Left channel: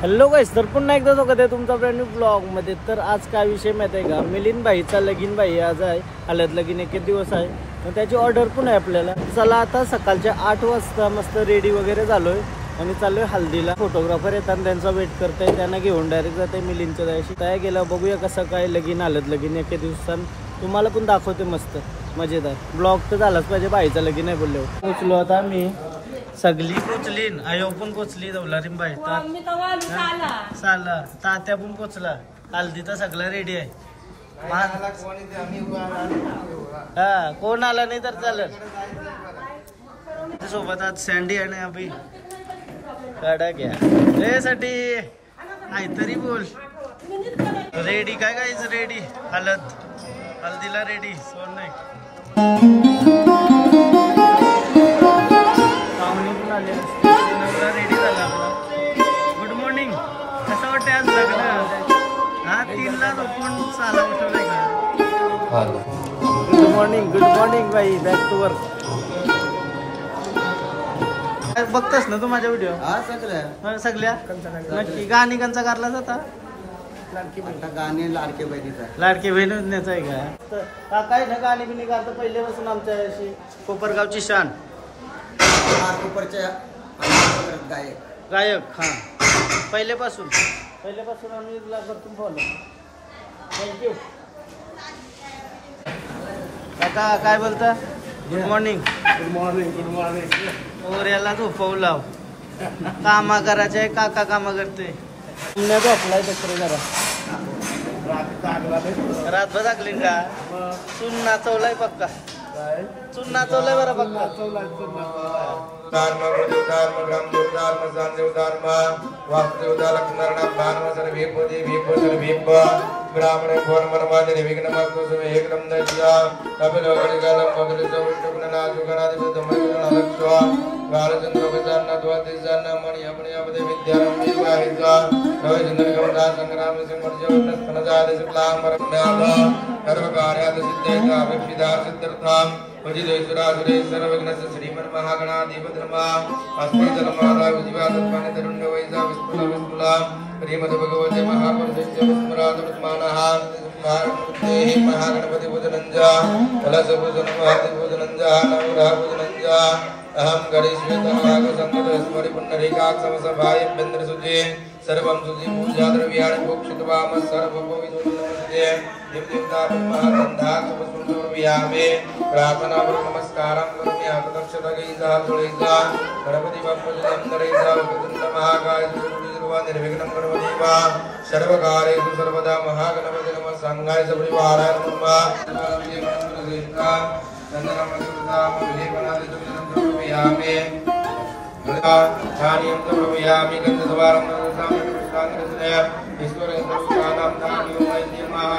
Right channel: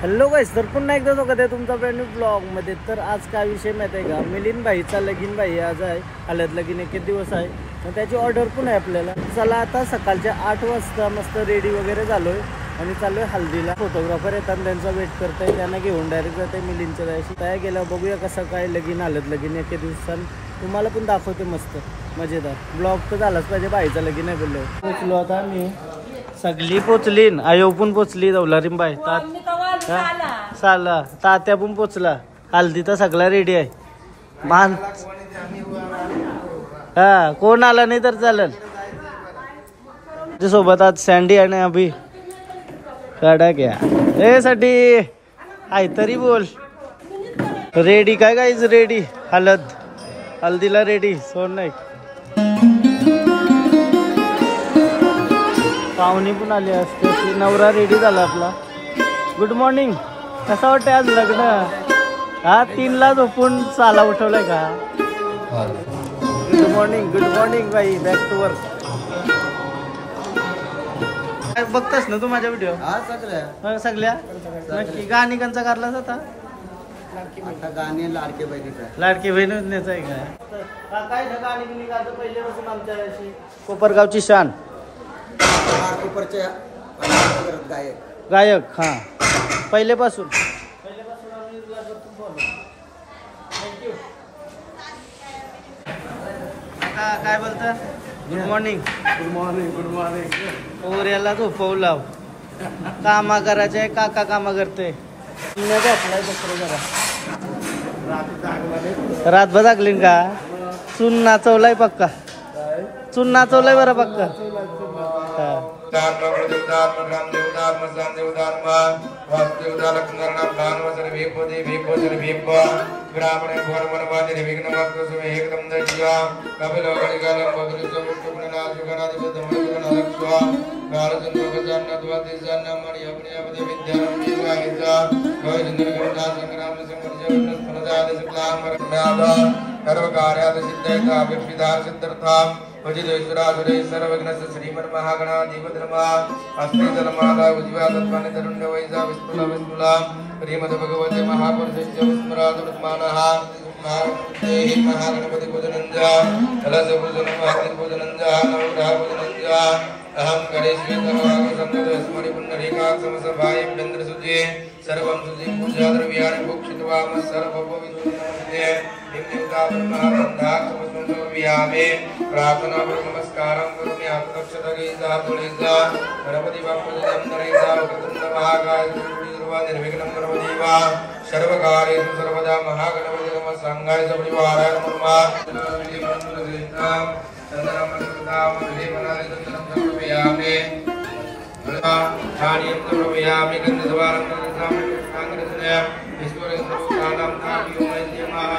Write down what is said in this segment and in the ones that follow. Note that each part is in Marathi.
हॅलो गाइस, तर पुन्हा एकदा स्वागत आहे तुमचा ब्रँड न्यू ब्लॉगमध्ये. तर आज काय विषय माहिती आहे का, मिलिंद भाईचा लगीन भाई आज आहे. हळद लगीन एक दिवस आहे, तर त्याची ऑर्डर पण आहे आपल्याला. चला आता सकाळच्या 8 वाजता मस्त रेडी वगैरे झालोय आणि चाललोय हल्दीला. फोटोग्राफर येतात, त्यांचा वेट करताय, त्यांना घेऊन डायरेक्ट जाते मिलिंदच्या जायची. तयार गेला, बघूया कसं काय लगीन हळद लगीन एक दिवसांनी तुम्हाला पण दाखवते. मस्त मजेदार ब्लॉग तर झालाच पाहिजे. भाईचा लगीन आहे बोलले. पोचलो आता मी, सगळी पोचली, आयो पण पोचली, दौलारीम बाई साला तात्या पण पोचला. हल्दी तर सगळा रेडी आहे. मान हा कोण आला नाही तर चालेल. सोबत आज सँडी आहे ना अभि काढा घ्या ए साठी आहे तरी बोल. रेडी काय गाईज, रेडी हल्दीला रेडी. सोड नाही पाहुणे पण आले असते. नवरा रेडी झाला आपला. Good morning. कसं वाटतंय आज लग्न? हा 3ला झोपून साला उठवलाय का? गुड मॉर्निंग बाई. Back to work. बघतस ना तू माझ्या व्हिडिओ? सगळ्या नक्की. गाणी कंचा करलाच आता गाणे लाडके बहिणीचा आहे का? काय ना गाणी बिणी गातो पहिल्यापासून आमच्या कोपरगावची शान. गायक हा पहिल्यापासून आम्ही करतो फॉलो. थँक्यू काका. काय बोलता? Good morning. और याला झोपवलाव. कामा करायचे आहे, काका कामा करते. झोपलाय बसरे जरा. रातभर जागली का? चून नाचवलाय पक्का. चून नाचवलाय बरं पक्का. श्रीमन महागणाधिपतिर्मा अस्ति जलमाला उज्ज्वला तत्पाने तरुण्य वैजा विस्फुला विस्फुला श्रीमद भगवते महापुरुषस्य विस्मरादुत्मानः महागणपति पूजनंजा कलश पूजन महति पूजनंजा नवग्रह पूजनंजा अहम गणेशवेतः संगतस्मरि पुण्डरीकाक्ष समसभाय इन्द्र सुजे सर्वं सुजे पूजा द्रव्याणि भोक्षित्वाम सर्वभूमिदुर्नमस्ते व्यामे प्रार्थना नमस्कारं करोमि. आपदक्षतगीता तुळीता गणपति बाप्पूजं नरैसा कृतुंड महाकाय गुरुर्वा निर्विघ्नं गुरुदेवा सर्वकार्येषु सर्वदा महागणपति नमः. संगाय परिवाराय नमः. चंदनं मधुदां लेपनादि चंदनं समर्पयामि. धान्यं समर्पयामि. गन्धद्वारं पुष्पाङ्गरचनया ईश्वरस्वरूपाणां धान्यं नैवेद्यमः.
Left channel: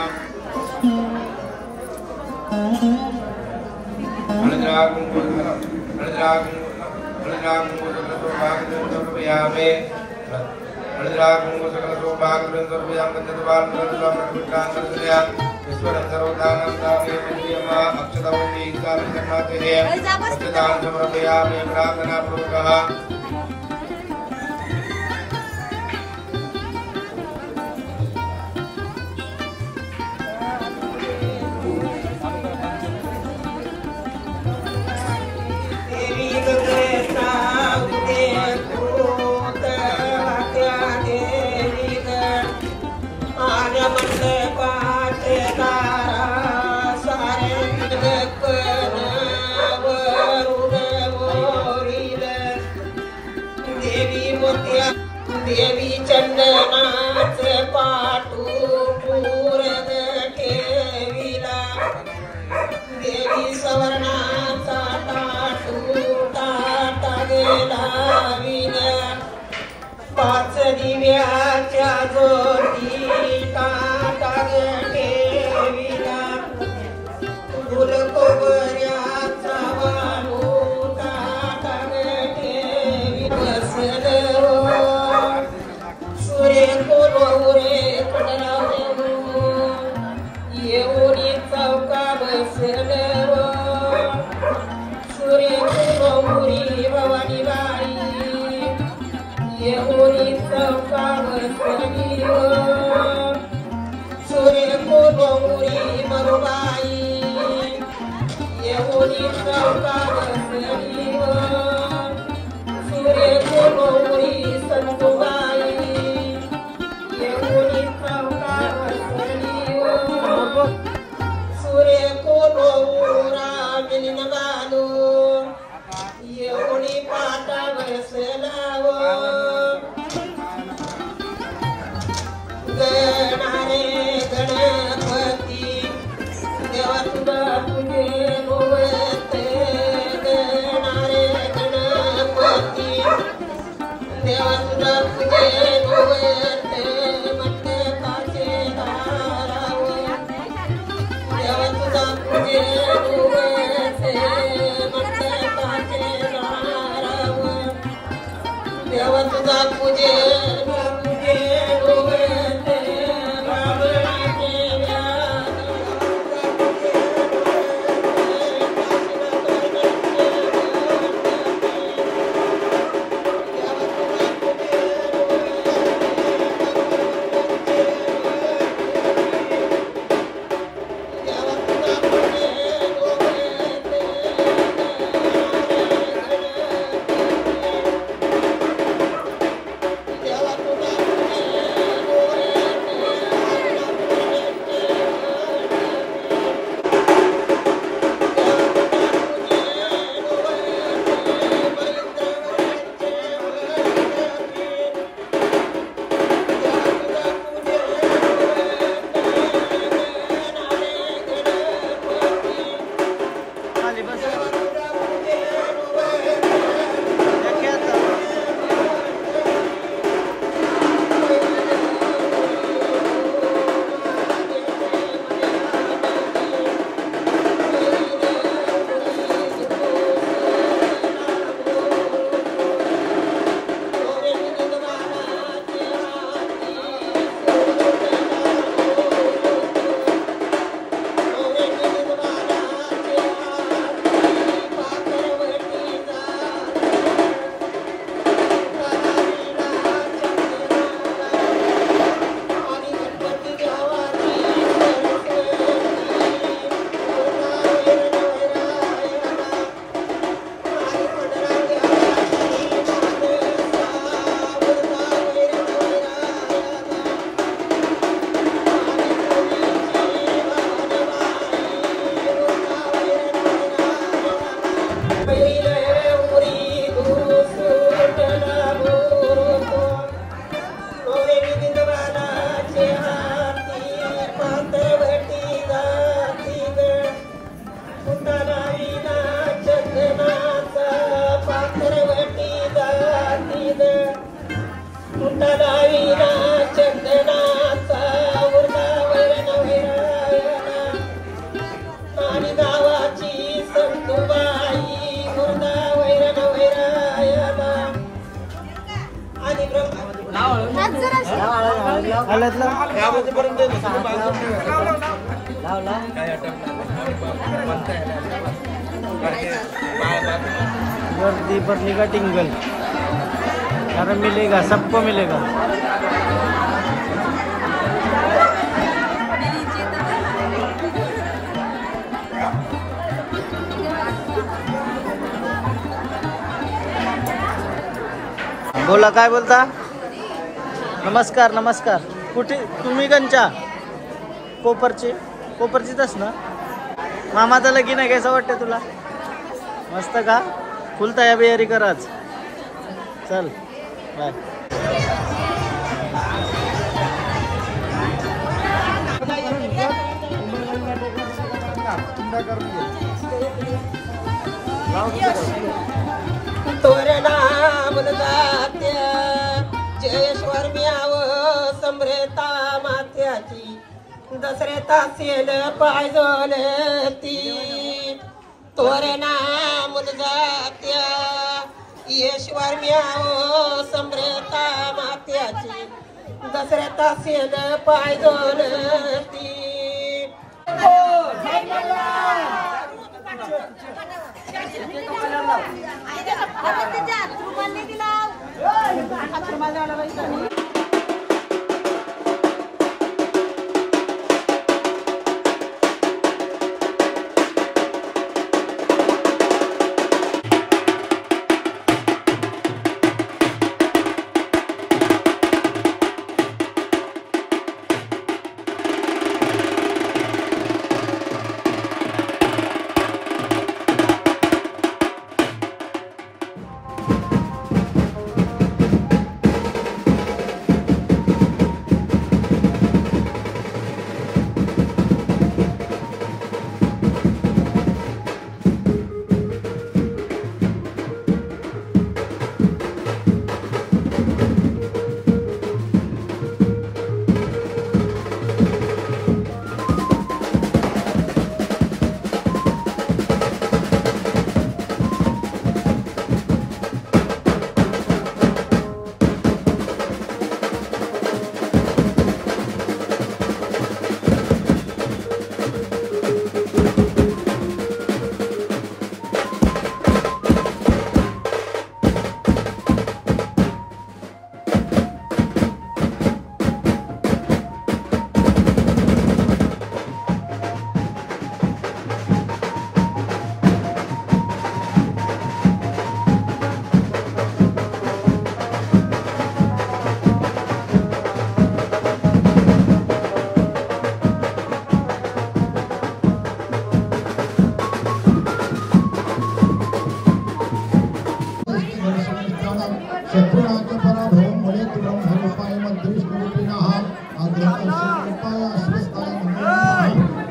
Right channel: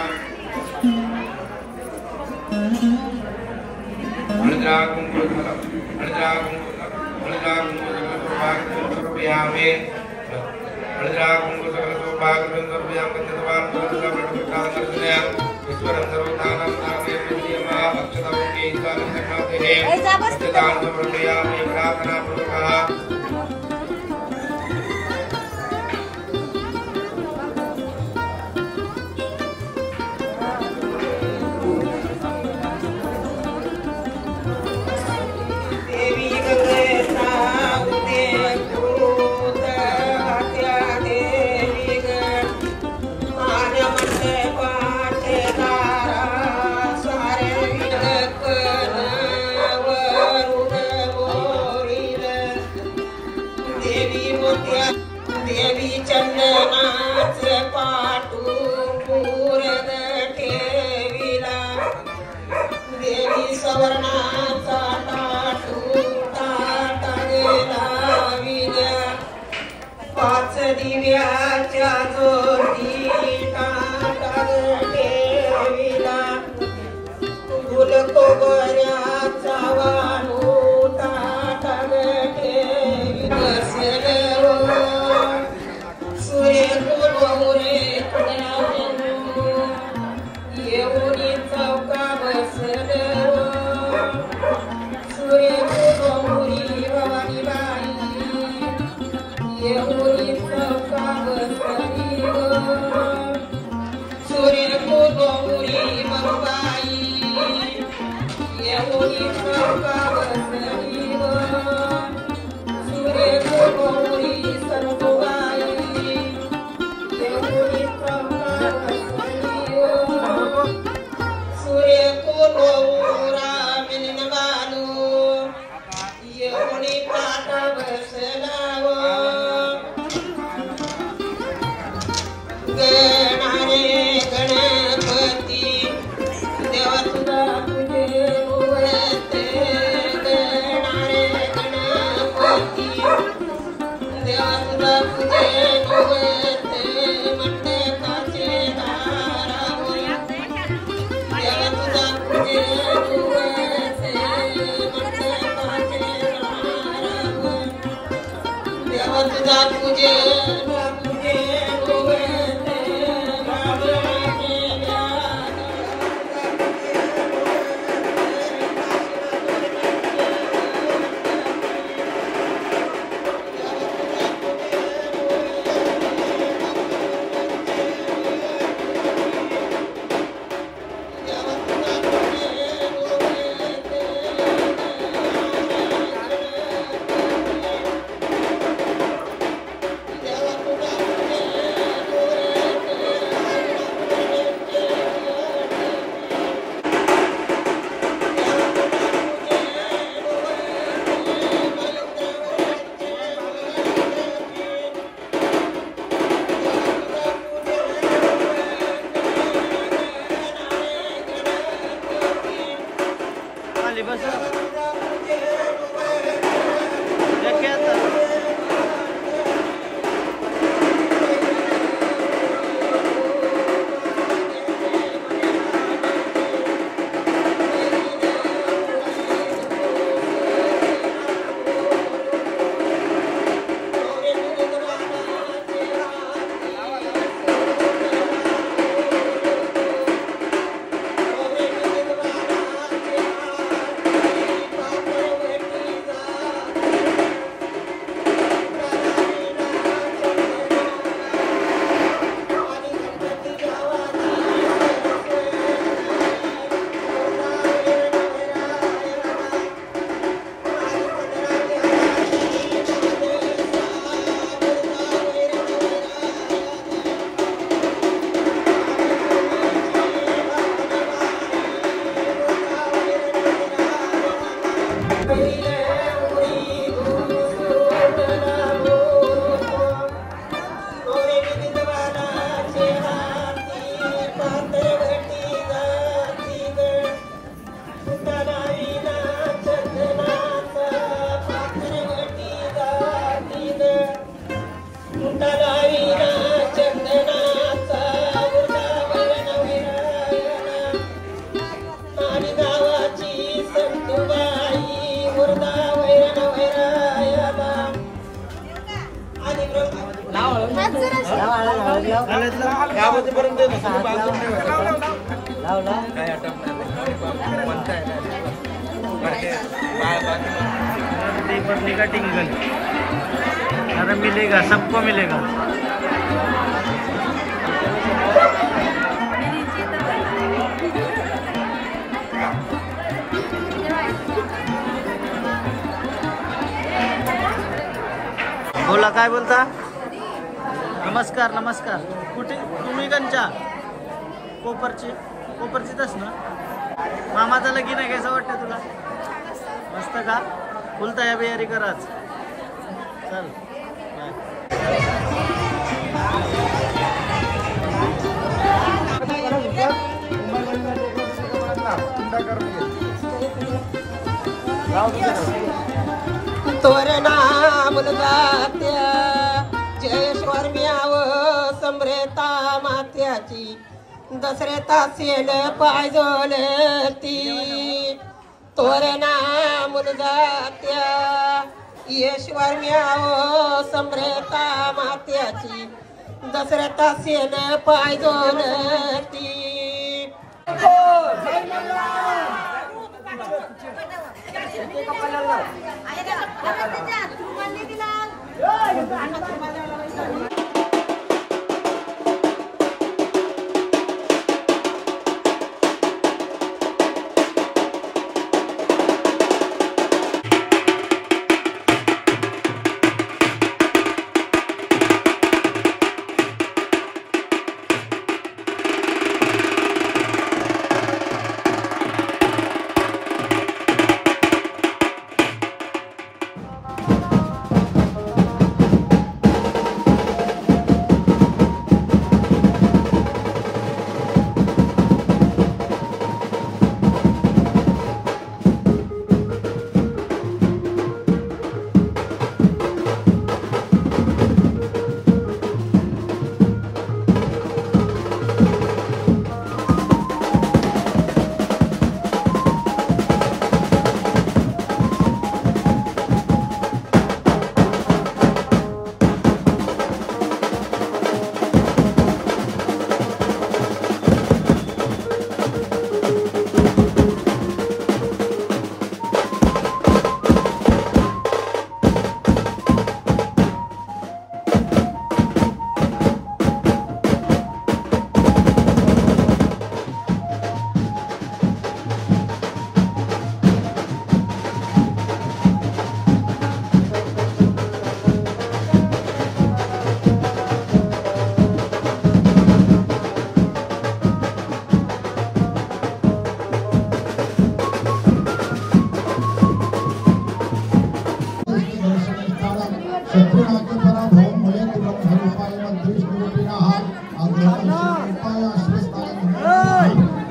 का टिंगल अरे मिलेगा, सबको मिलेगा। बोला, काय बोलता? नमस्कार नमस्कार। कुठे तुम्ही? कंचा कोपरचीच ना? मामाचं लगीन आहे, कसं वाटतं तुला? मस्त का? फुल तयारी कराच। चल बाय। दसऱ्याचा सेल पायजोल ती तोरणा मुलगात्या ईश्वर म्याव सम्रेता मात्याची दसऱ्याचा सेल पायजोल ती।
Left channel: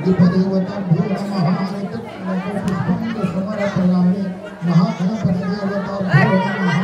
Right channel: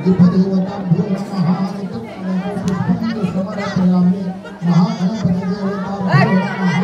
गणपतिदेवताभ्यो नमः पुष्पं समर्पयामि महागणपतिदेवताभ्यो नमः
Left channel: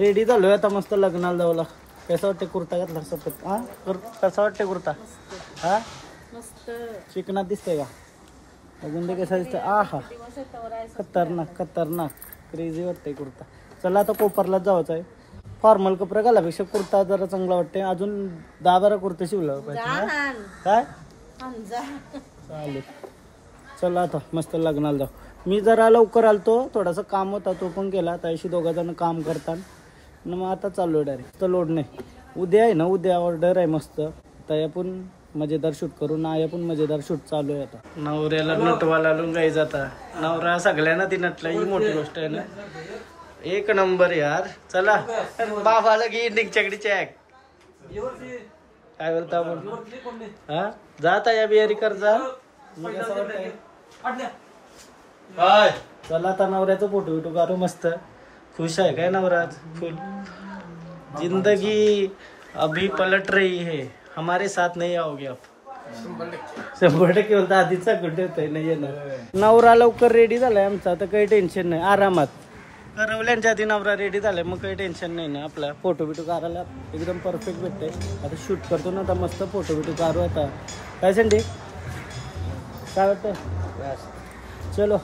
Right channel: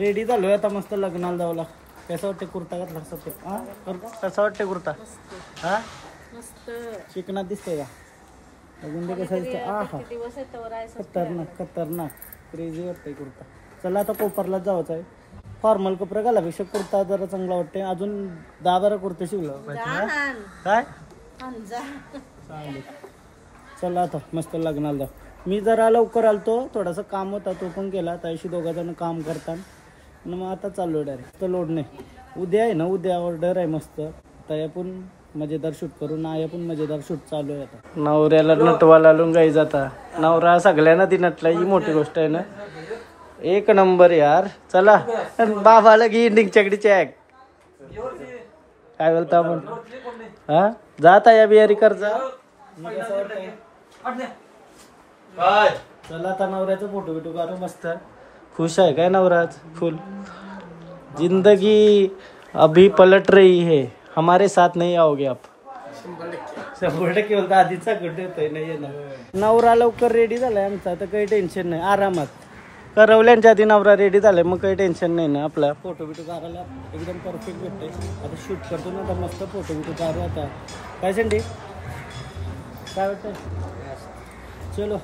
रेडी झालोय आता मस्त लग्नाला जाऊला. कसं वाटते कुर्ता घातला हा कसा वाटते कुर्ता हा मस्त चिकनात दिसतंय का बघून दे कसा दिसतंय. हा खतरनाक खतरनाक क्रेझी वाटतंय कुर्ता. चला आता कोपरलाच जायचं आहे. फॉर्मल कपडे घालापेक्षा कुर्ता जरा चांगला वाटते. अजून 10-12 कुर्ते शिवला पाहिजे काय चालेल. चला आता मस्त लग्नाला जाऊ. मी जरा लवकर आलतो थोडासा काम होता तो पण केला. त्याशी 2 जण काम करतात मग आता चाललो डायरेक्ट. तर लोड नाही. उद्या आहे ना उद्या ऑर्डर आहे मस्त. त्या पण मजेदार शूट करून आया पण मजेदार शूट चालू आहे. आता नवऱ्याला नटवाला लावून जाई जाता. नवरा सगळ्यांना ती नटला ही मोठी गोष्ट आहे ना. एक नंबर यार. चला बाबाला घे निघचकडी चॅक काय बोलता आपण हा जाता या बिहारी कर जा. मी कसं वाटतंय चला आता नवऱ्याचा फोटो बिटो काढू मस्त. खुश आहे काय नवराज फुल. जिंदगी अभी पलट रही है हमारे साथ नहीं आओगे आप. 100% बोलता आधीचा कुठे होतोय नाही येणार. नवरा लवकर रेडी झालाय आमचा तर काही टेन्शन नाही. आरामात करवल्यांच्या आधी नवरा रेडी झालाय मग काही टेन्शन नाही ना. आपला फोटो बिटो काढायला एकदम परफेक्ट भेटते. आता शूट करतो ना आता मस्त फोटो बिटो काढू. आता काय संडी काय वाटतं चलो.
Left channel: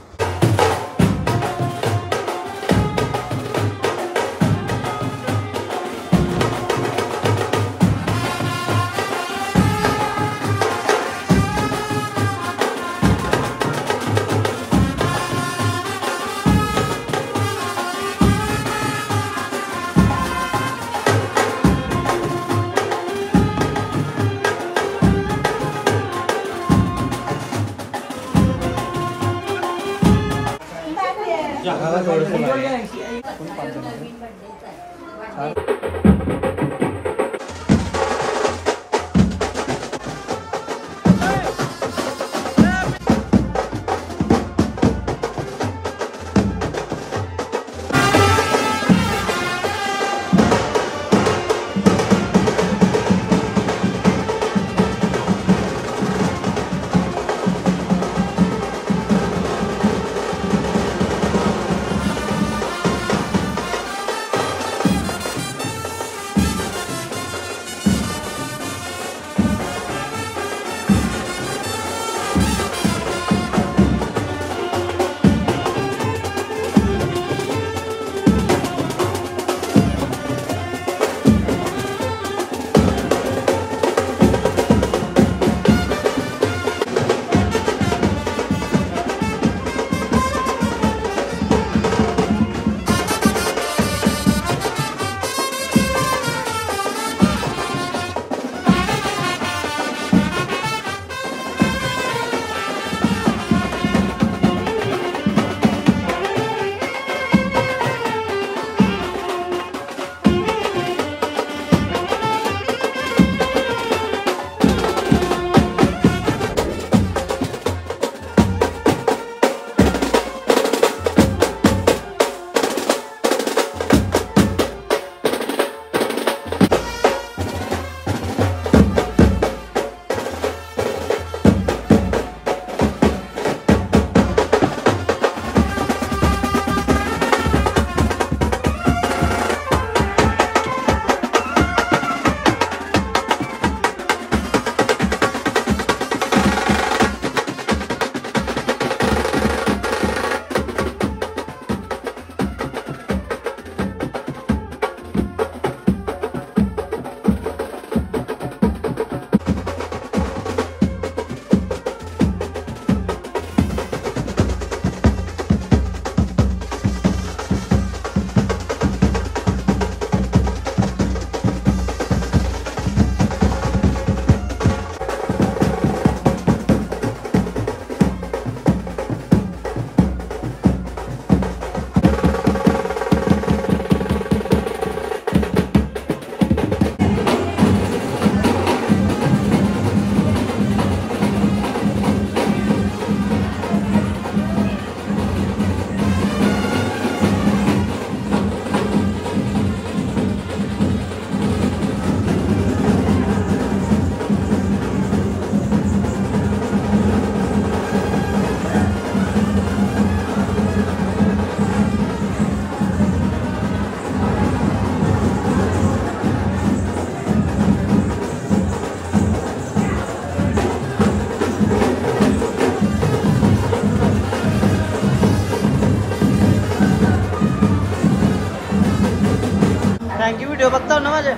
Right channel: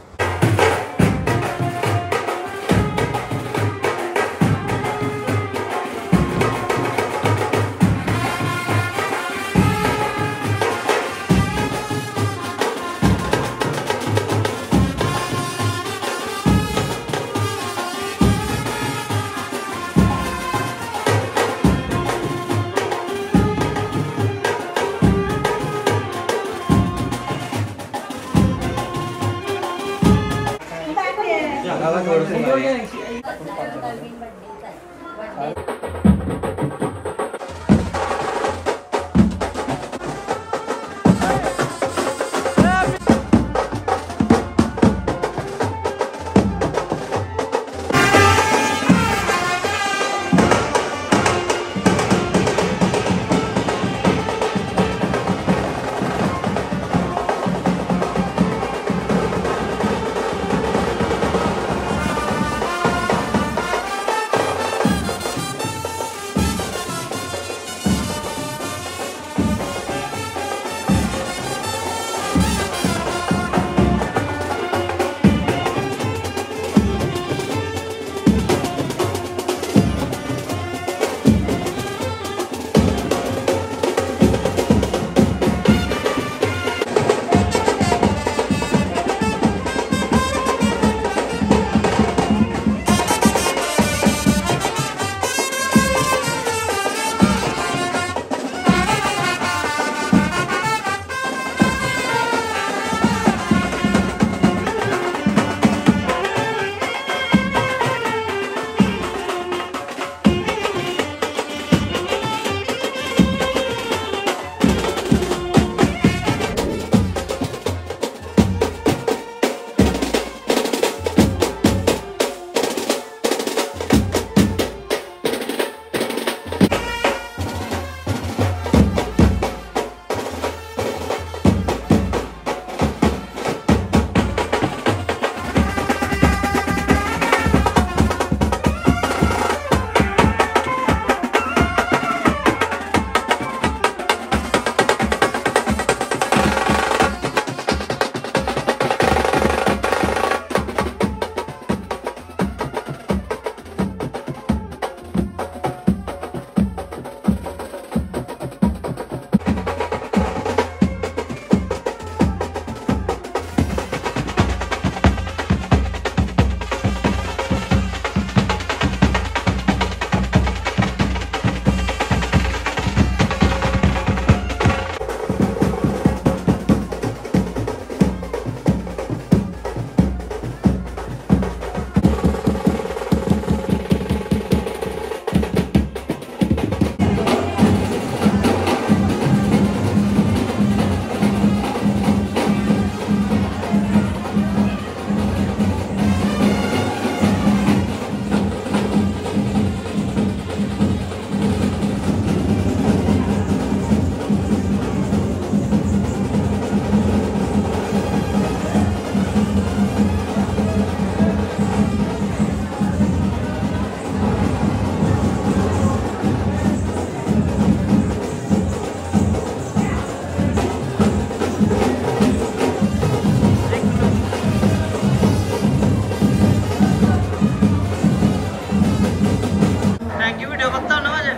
थँक्यू. व्हिडिओ बघता ना माझे.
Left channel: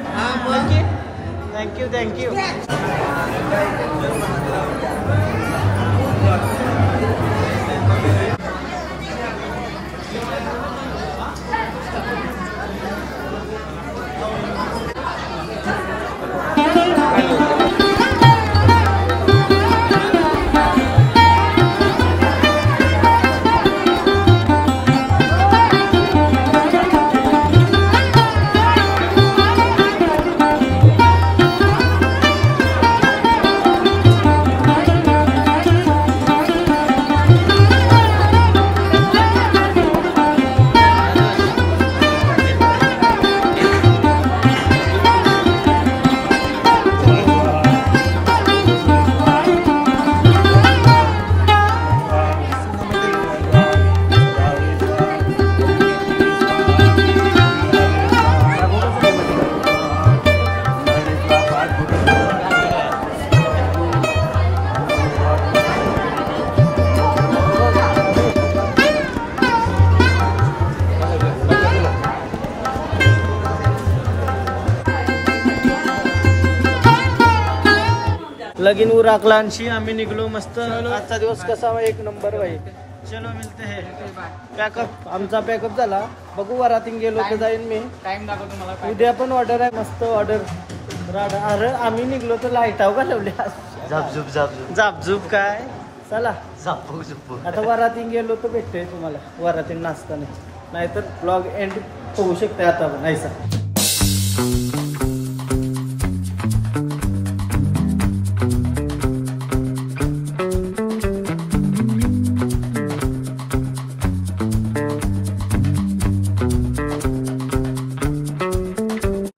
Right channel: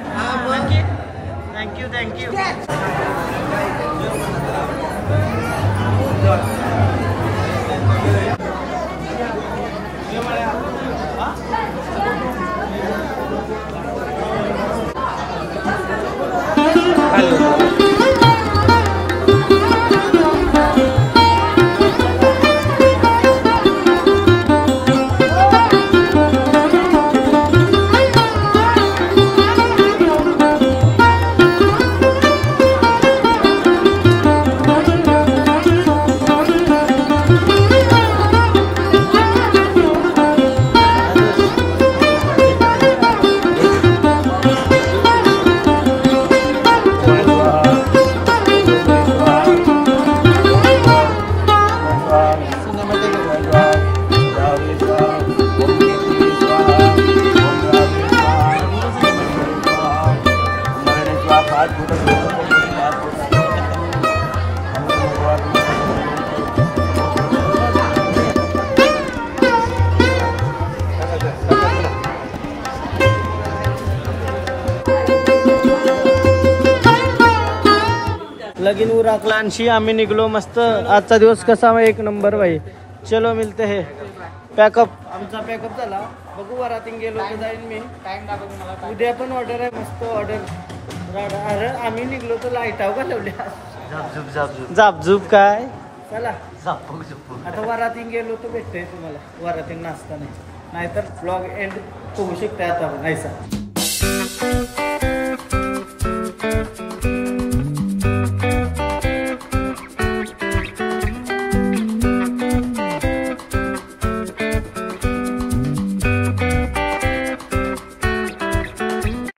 Thank you thank you. लगीन उराकलांशी आम्ही निघलो मस्त. आजचा दिवस कसा एक नंबर भाई. चलो मिलते है. पॅकअप आमचा पॅकअप झाला. बघू वरातीन गेलो तर जाईन मी. उद्या पण ऑर्डर आहे मस्त ऑर्डर. अरे आम्ही निघलो तर लाईटाव घालवल्या. झापझूप काय. चला आता वरातीन गेलो तर भेटतंय तुम्हाला. वरातीन नाचता नाही नाहीतर ब्लॉग एंड होऊ शकते आता पण ऐसा.